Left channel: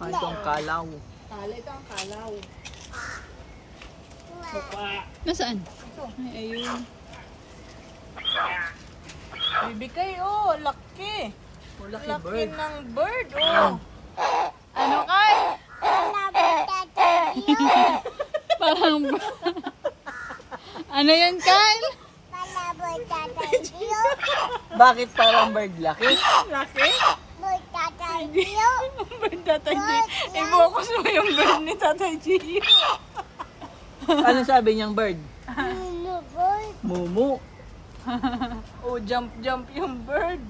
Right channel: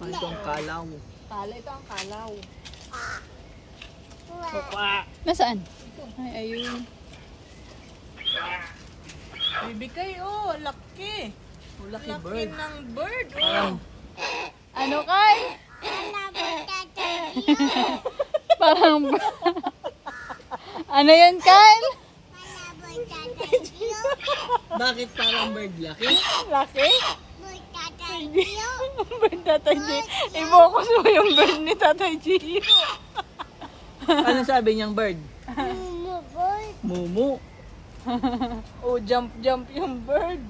Ito ang kalaw. Ito ang kalaw. Mukha. Nasaan? Ay, ayun. Bibigay, oh. Laki. Laki ng bird, oh. Ano ka? Parang... ano yan, Kyle? Bakit parang bird laki? Laki? Bird Tatay G. I-focus mo yung bird ni Tatay G. Ano sabi niyang bird? Mumu. Oh, jump yung bird.